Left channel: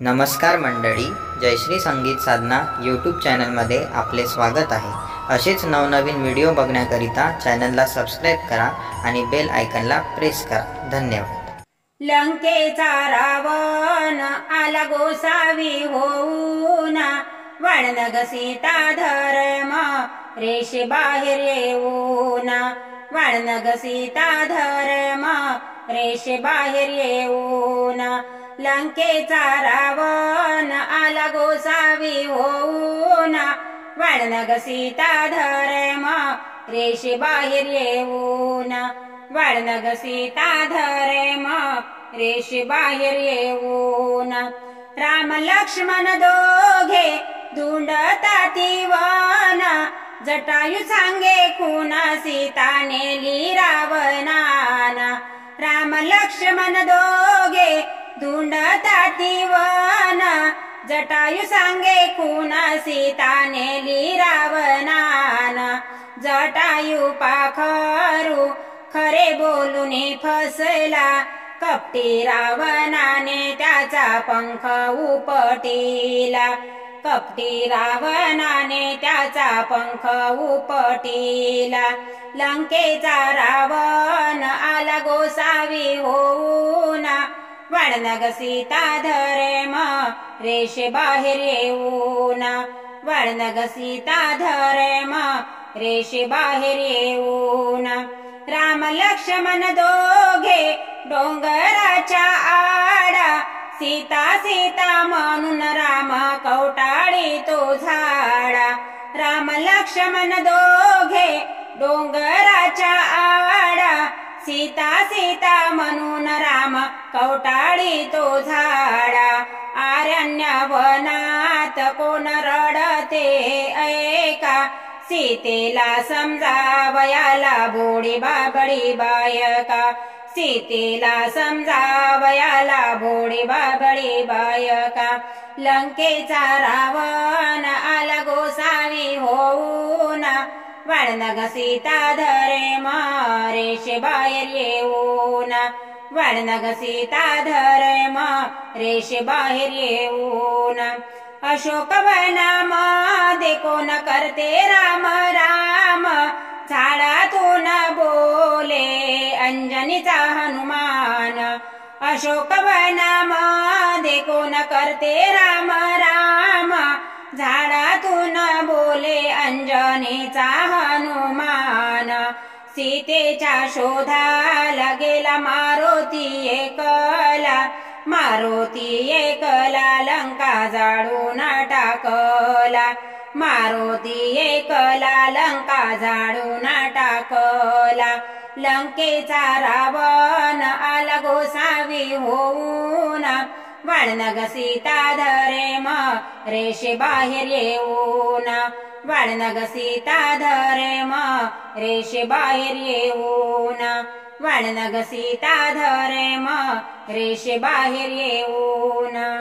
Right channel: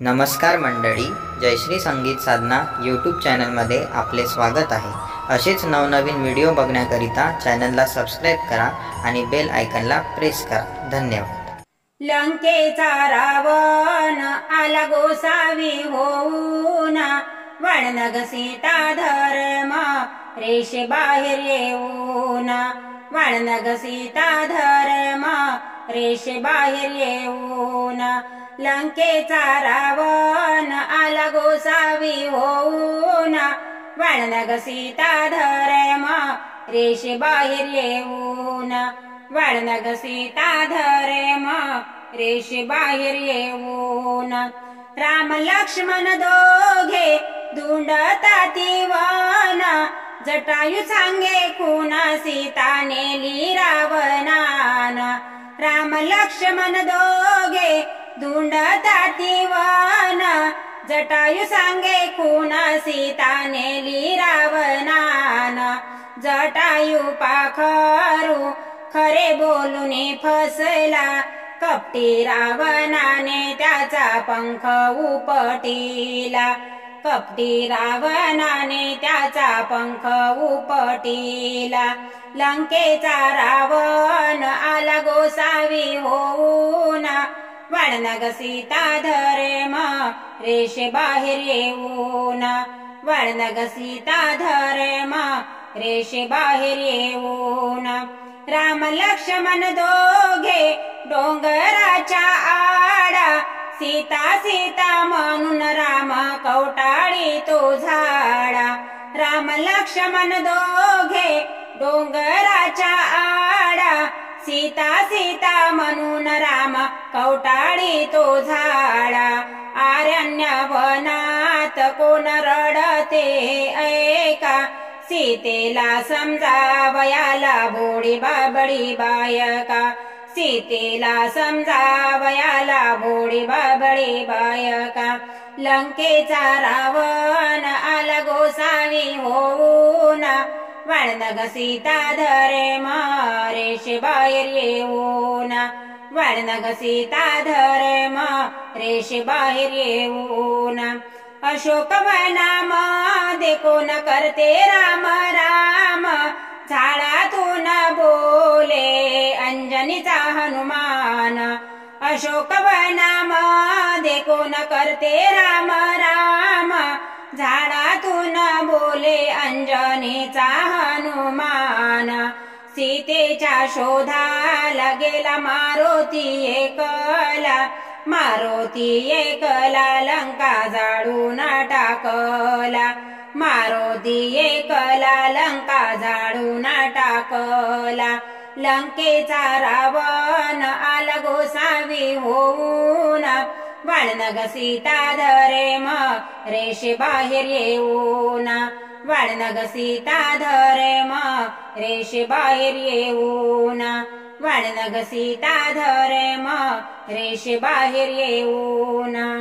नमस्कार मंडळी, जयश्री संगीत साधना यूट्यूब चॅनलमध्ये आपले स्वागत आहे। असेच नवनवीन व्हिडिओ बघण्याकरिता चॅनलला सबस्क्राइब करा आणि बेल आयकॉनला प्रेस करा। धन्यवाद। लंकेचा रावण आला गोसावी होऊन, वाळनग सीता धर्म रेषे बाहेर येऊन, वाळनग सीता धर्म रेषे बाहेर येऊन। लंकेचा रावण आला गोसावी होऊन, वाळनग सीता धर्म रेषे बाहेर येऊन, वाळनग सीता धर्म रेषे बाहेर येऊन। राम लक्ष्मण दोघे धुंडताती वन, जटायू सांगे खून सीता नेली रावणाना। राम लक्ष्मण दोघे धुंडताती वन, जटायू सांगे खून सीता नेली रावणाना। जटायू पाखरू खरे बोलून फसला, कपटी रावणाने त्याचा पंख उपटिला, कपटी रावणाने त्याचा पंख उपटिला। लंकेचा रावण आला गोसावी होऊन, वाळनग सीता धर्म रेषे बाहेर येऊन, वाळनग सीता धर्म रेषे बाहेर येऊन। राम लक्ष्मण दोघे डोंगराच्या आडा, सीता सीता म्हणून राम कवटाळी तो झाडा। राम लक्ष्मण दोघे डोंगराच्या आडा, सीता सीता म्हणून राम कवटाळी तो झाडा। आरण्य वनात कोण रडते ऐका, सीतेला समजावयाला भोळी बाबडी बायका, सीतेला समजावयाला भोळी बाबडी बायका। लंकेचा रावण आला गोसावी होऊन, वाळनग सीता धर्म रेषे बाहेर येऊन, वाळनग सीता धर्म रेषे बाहेर येऊन। अशोकवनामध्ये कोण करते राम राम, झाडातून बोले अंजनीचा हनुमान। अशोकवनामध्ये कोण करते राम राम, झाडातून बोले अंजनीचा हनुमान। सीतेच्या शोधाला गेला मारुती एकला, मारुती एकला लंका जाळून टाकला, मारुती एकला लंका जाळून टाकला। लंकेचा रावण आला गोसावी होऊन, वाळनग सीता धर्म रेषे बाहेर येऊन, वाळनग सीता धर्म रेषे बाहेर येऊन, वाळनग सीता धर्म रेषे बाहेर येऊन।